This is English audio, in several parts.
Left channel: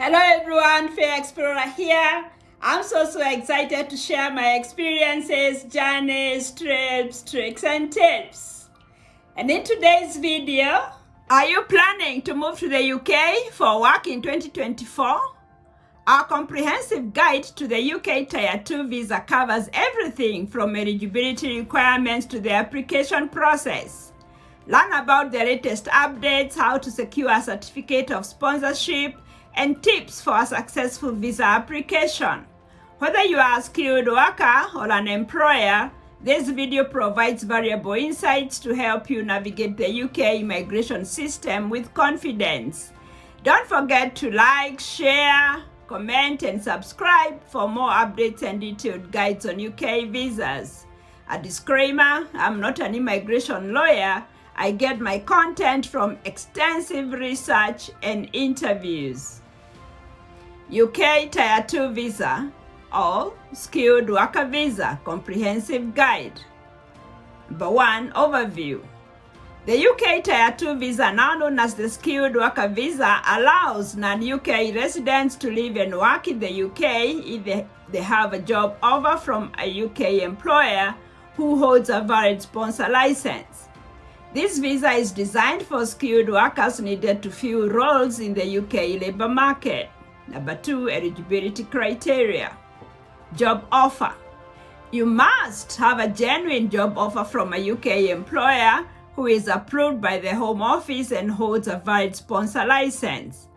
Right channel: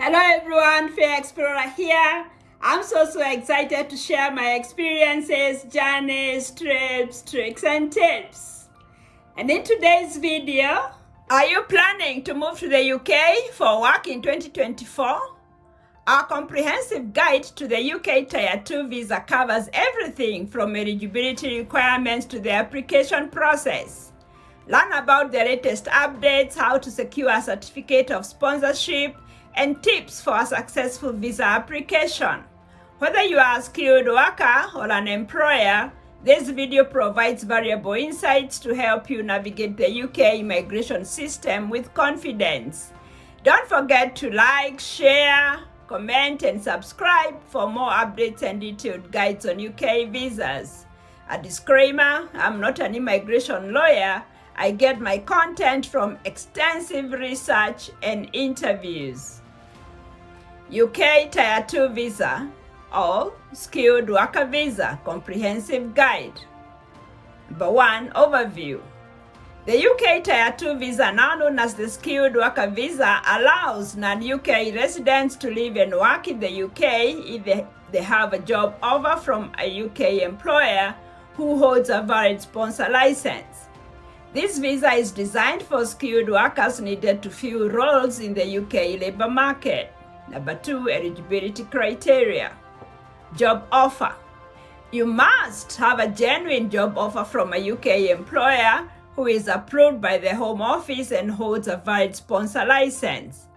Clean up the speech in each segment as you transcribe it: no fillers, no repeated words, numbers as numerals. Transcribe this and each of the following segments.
Hello everyone, Fay Explorer here. I'm so excited to share my experiences, journeys, trips, tricks, and tips. And in today's video, are you planning to move to the UK for work in 2024? Our comprehensive guide to the UK Tier 2 visa covers everything from eligibility requirements to the application process. Learn about the latest updates, how to secure a certificate of sponsorship, and tips for a successful visa application. Whether you are a skilled worker or an employer, this video provides valuable insights to help you navigate the UK immigration system with confidence. Don't forget to like, share, comment, and subscribe for more updates and detailed guides on UK visas. A disclaimer, I'm not an immigration lawyer. I get my content from extensive research and interviews. UK Tier 2 Visa or Skilled Worker Visa Comprehensive Guide. Number 1. Overview. The UK Tier 2 Visa, now known as the Skilled Worker Visa, allows non-UK residents to live and work in the UK if they have a job offer from a UK employer who holds a valid sponsor license. This visa is designed for skilled workers needed to fill roles in the UK labor market. Number 2. Eligibility criteria. Job offer. You must have a genuine job offer from a UK employer who is approved by the Home Office and holds a valid sponsor license.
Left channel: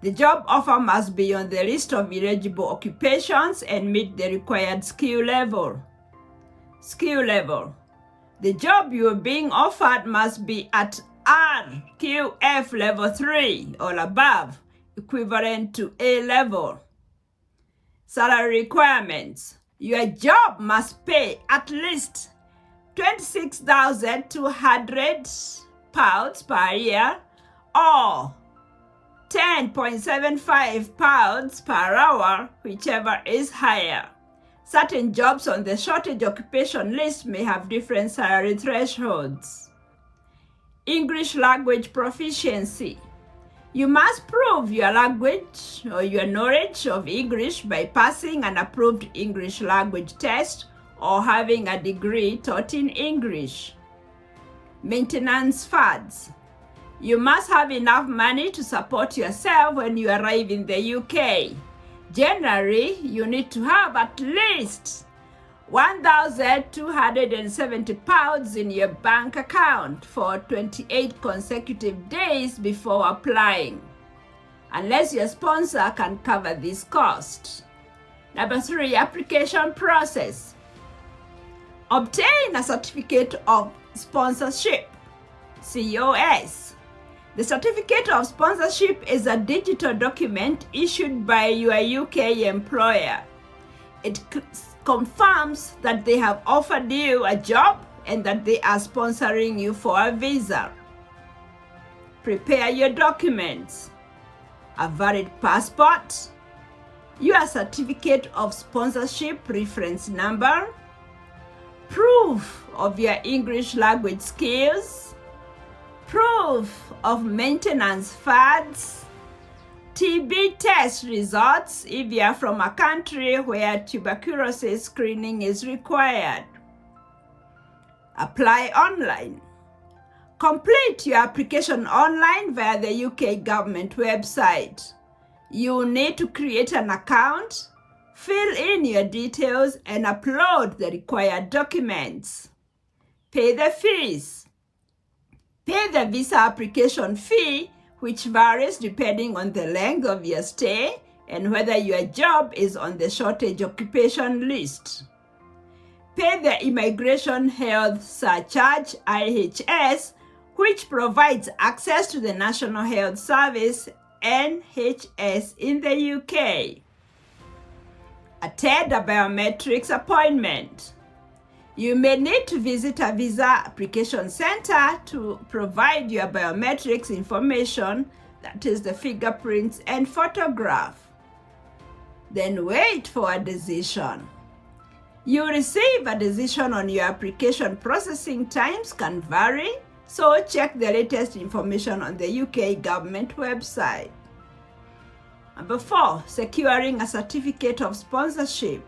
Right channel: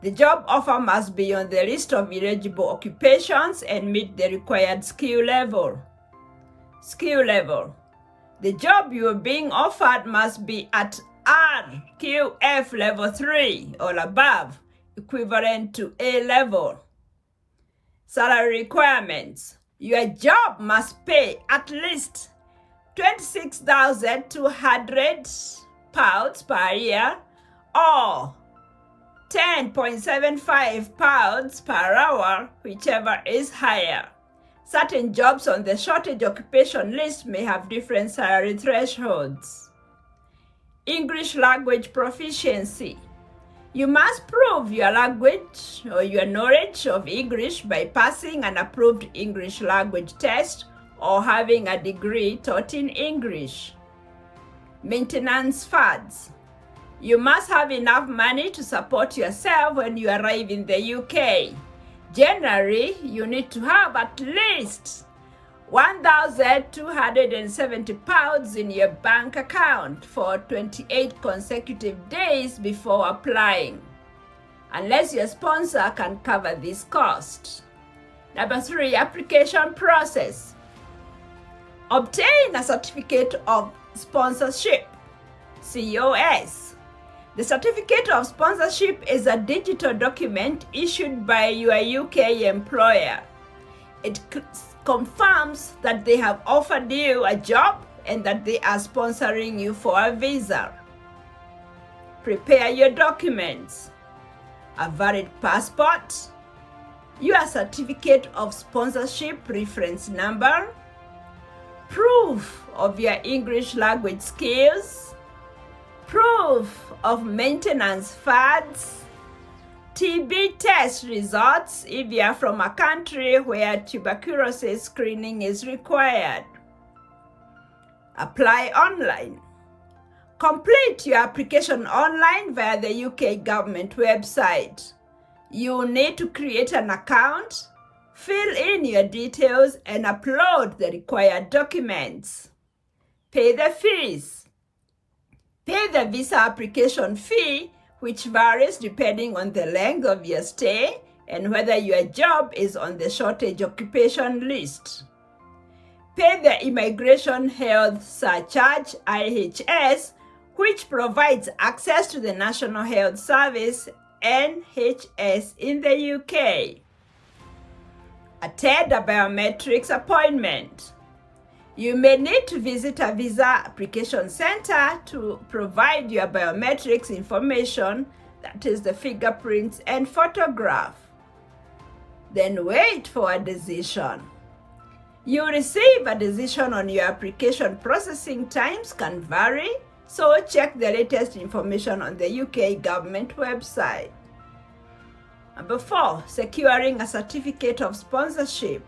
The job offer must be on the list of eligible occupations and meet the required skill level. Skill level. The job you are being offered must be at RQF level 3 or above, equivalent to A level. Salary requirements. Your job must pay at least £26,200 per year or £10.75 per hour, whichever is higher. Certain jobs on the shortage occupation list may have different salary thresholds. English language proficiency. You must prove your language or your knowledge of English by passing an approved English language test or having a degree taught in English. Maintenance funds. You must have enough money to support yourself when you arrive in the UK. Generally, you need to have at least £1,270 in your bank account for 28 consecutive days before applying, unless your sponsor can cover this cost. Number 3. Application process. Obtain a certificate of sponsorship, COS. The certificate of sponsorship is a digital document issued by your UK employer. It confirms that they have offered you a job and that they are sponsoring you for a visa. Prepare your documents. A valid passport, your certificate of sponsorship reference number, proof of your English language skills, proof of maintenance funds, TB test results if you are from a country where tuberculosis screening is required. Apply online. Complete your application online via the UK government website. You will need to create an account, fill in your details, and upload the required documents. Pay the fees. Pay the visa application fee, which varies depending on the length of your stay and whether your job is on the shortage occupation list. Pay the Immigration Health Surcharge, IHS, which provides access to the National Health Service, NHS, in the UK. Attend a biometrics appointment. You may need to visit a visa application center to provide your biometrics information, that is the fingerprints and photograph. Then wait for a decision. You receive a decision on your application. Processing times can vary, so check the latest information on the UK government website. Number 4, securing a certificate of sponsorship.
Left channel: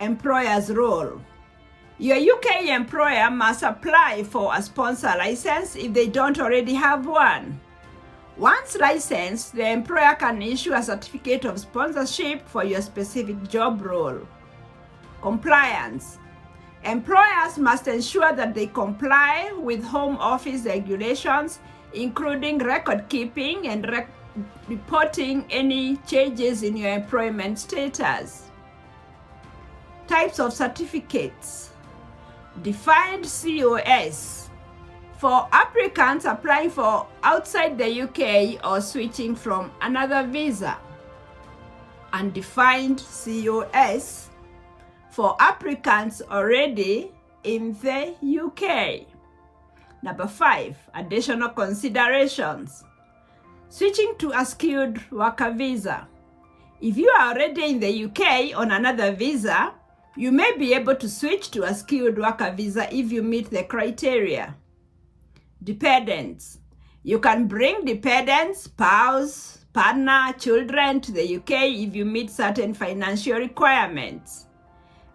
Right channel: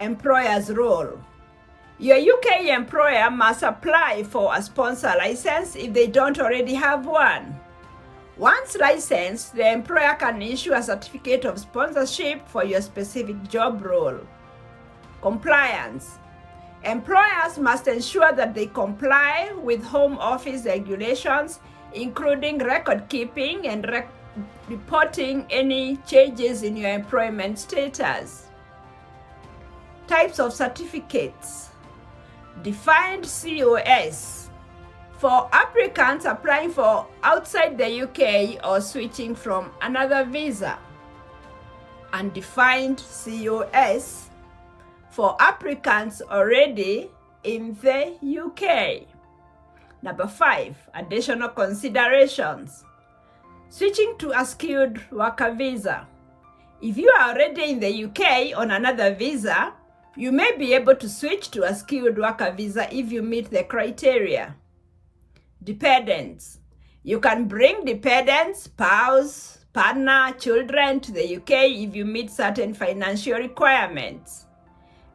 Employer's role. Your UK employer must apply for a sponsor license if they don't already have one. Once licensed, the employer can issue a certificate of sponsorship for your specific job role. Compliance. Employers must ensure that they comply with Home Office regulations, including record keeping and reporting any changes in your employment status. Types of certificates. Defined COS. For applicants applying for outside the UK or switching from another visa. Undefined COS. For applicants already in the UK. Number 5, additional considerations. Switching to a skilled worker visa. If you are already in the UK on another visa, you may be able to switch to a skilled worker visa if you meet the criteria. Dependents. You can bring dependents, spouse, partner, children to the UK if you meet certain financial requirements.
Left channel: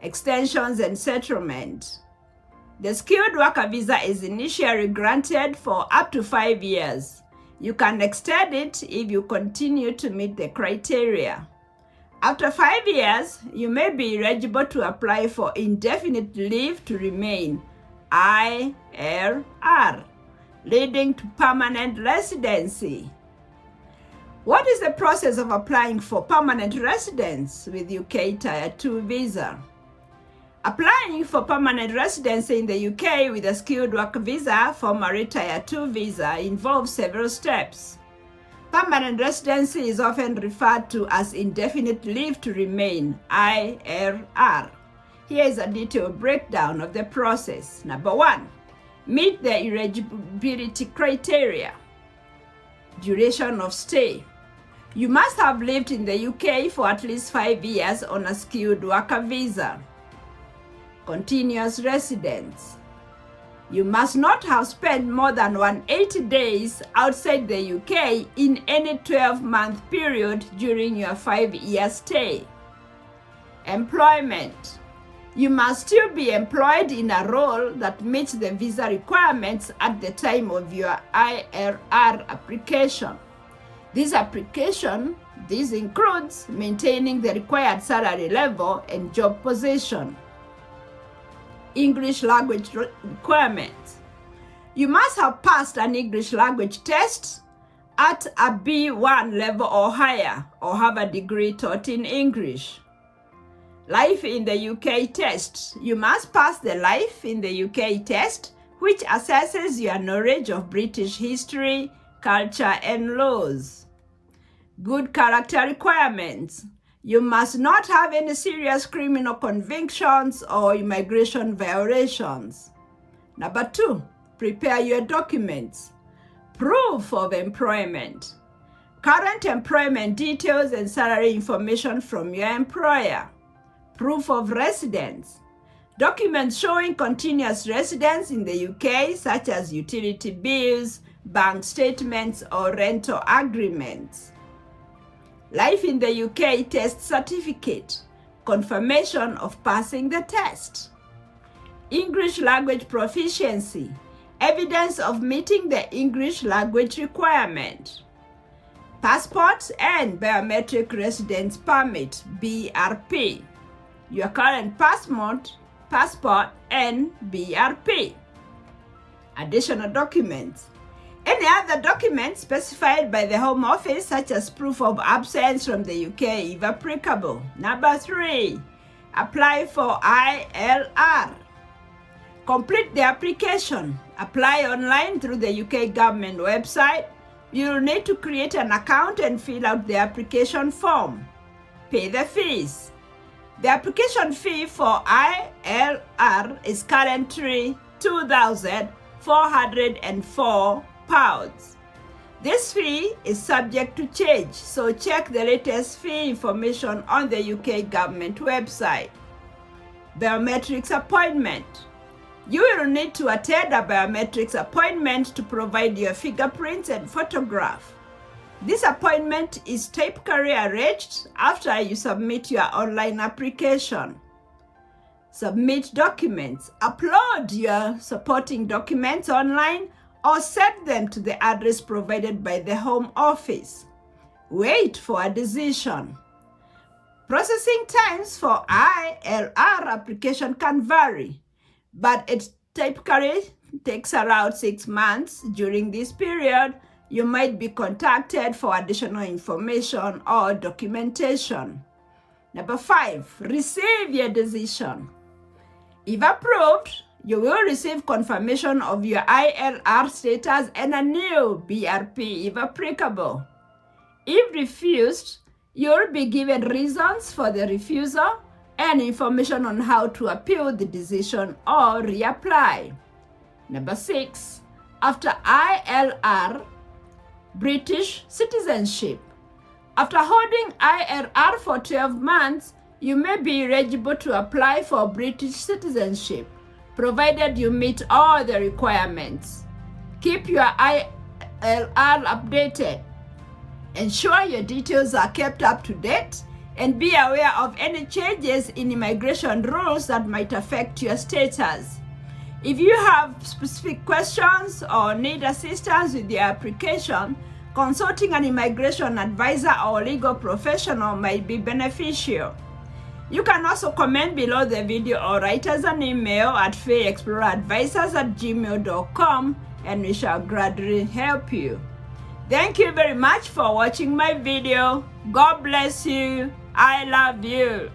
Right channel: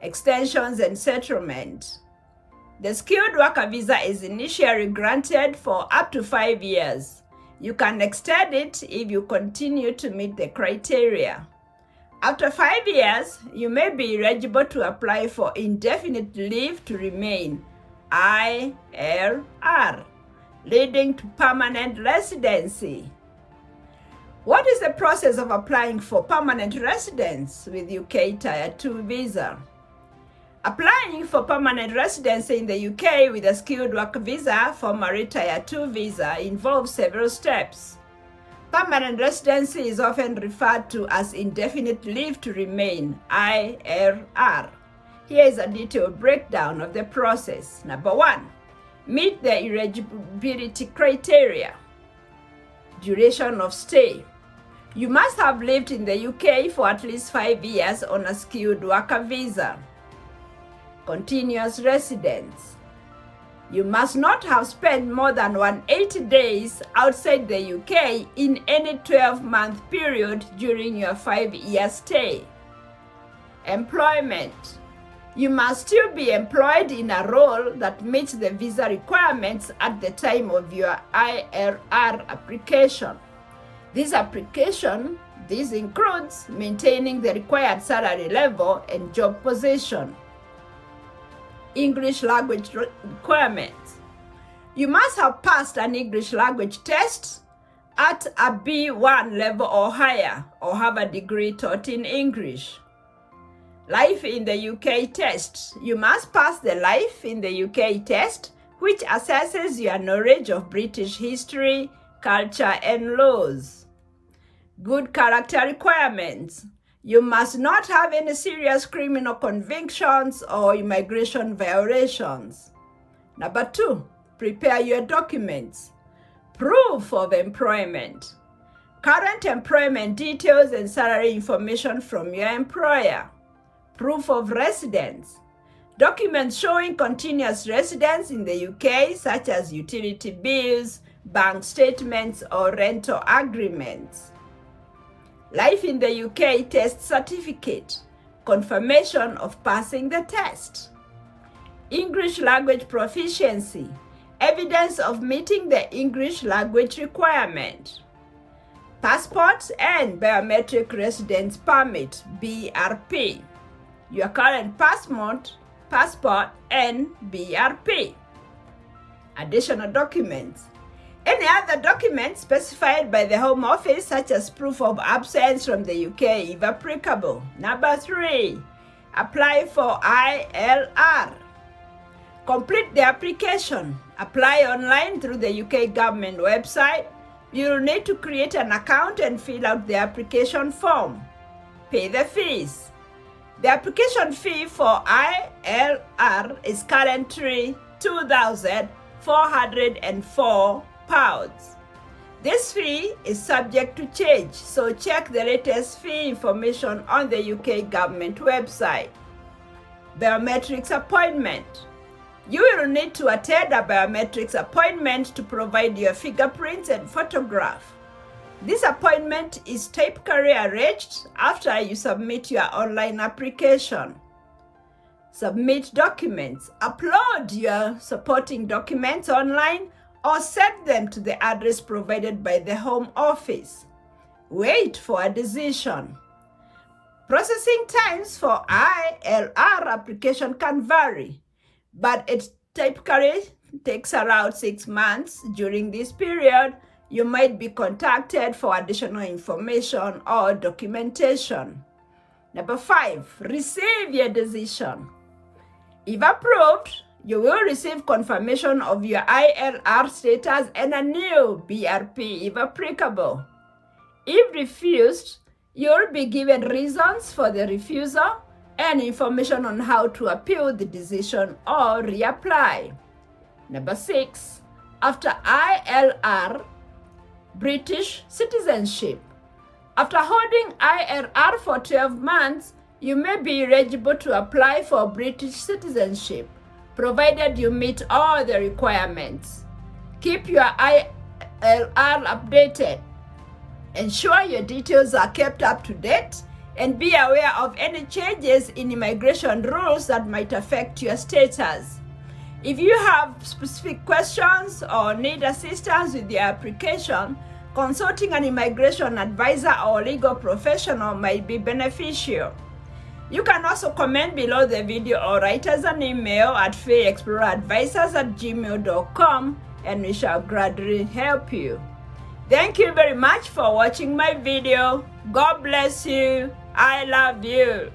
Extensions and settlement. The skilled worker visa is initially granted for up to 5 years. You can extend it if you continue to meet the criteria. After 5 years, you may be eligible to apply for indefinite leave to remain, ILR, leading to permanent residency. What is the process of applying for permanent residence with UK Tier 2 visa? Applying for permanent residency in the UK with a skilled worker visa, formerly Tier 2 visa, involves several steps. Permanent residency is often referred to as indefinite leave to remain, ILR. Here is a detailed breakdown of the process. Number 1, meet the eligibility criteria. Duration of stay. You must have lived in the UK for at least 5 years on a skilled worker visa. Continuous residence. You must not have spent more than 180 days outside the UK in any 12-month period during your 5-year stay. Employment. You must still be employed in a role that meets the visa requirements at the time of your ILR application. This includes maintaining the required salary level and job position. English language requirements. You must have passed an English language test at a B1 level or higher, or have a degree taught in English. Life in the UK test. You must pass the Life in the UK test, which assesses your knowledge of British history, culture, and laws. Good character requirements. You must not have any serious criminal convictions or immigration violations. Number 2, prepare your documents. Proof of employment. Current employment details and salary information from your employer. Proof of residence. Documents showing continuous residence in the UK, such as utility bills, bank statements, or rental agreements. Life in the UK test certificate. Confirmation of passing the test. English language proficiency. Evidence of meeting the English language requirement. Passport and biometric residence permit, BRP. Your current passport, and BRP. Additional documents. Any other documents specified by the Home Office, such as proof of absence from the UK, if applicable. Number 3, apply for ILR. Complete the application. Apply online through the UK government website. You will need to create an account and fill out the application form. Pay the fees. The application fee for ILR is currently £2,404. This fee is subject to change, so check the latest fee information on the UK government website. Biometrics appointment. You will need to attend a biometrics appointment to provide your fingerprints and photograph. This appointment is typically arranged after you submit your online application. Submit documents. Upload your supporting documents online or send them to the address provided by the Home Office. Wait for a decision. Processing times for ILR application can vary, but it typically takes around 6 months. During this period, you might be contacted for additional information or documentation. Number 5, receive your decision. If approved, you will receive confirmation of your ILR status and a new BRP if applicable. If refused, you'll be given reasons for the refusal and information on how to appeal the decision or reapply. Number 6, after ILR, British citizenship. After holding ILR for 12 months, you may be eligible to apply for British citizenship, provided you meet all the requirements. Keep your ILR updated. Ensure your details are kept up to date and be aware of any changes in immigration rules that might affect your status. If you have specific questions or need assistance with your application, consulting an immigration advisor or legal professional might be beneficial. You can also comment below the video or write us an email at fayexploreradvisors@gmail.com and we shall gladly help you. Thank you very much for watching my video. God bless you. I love you.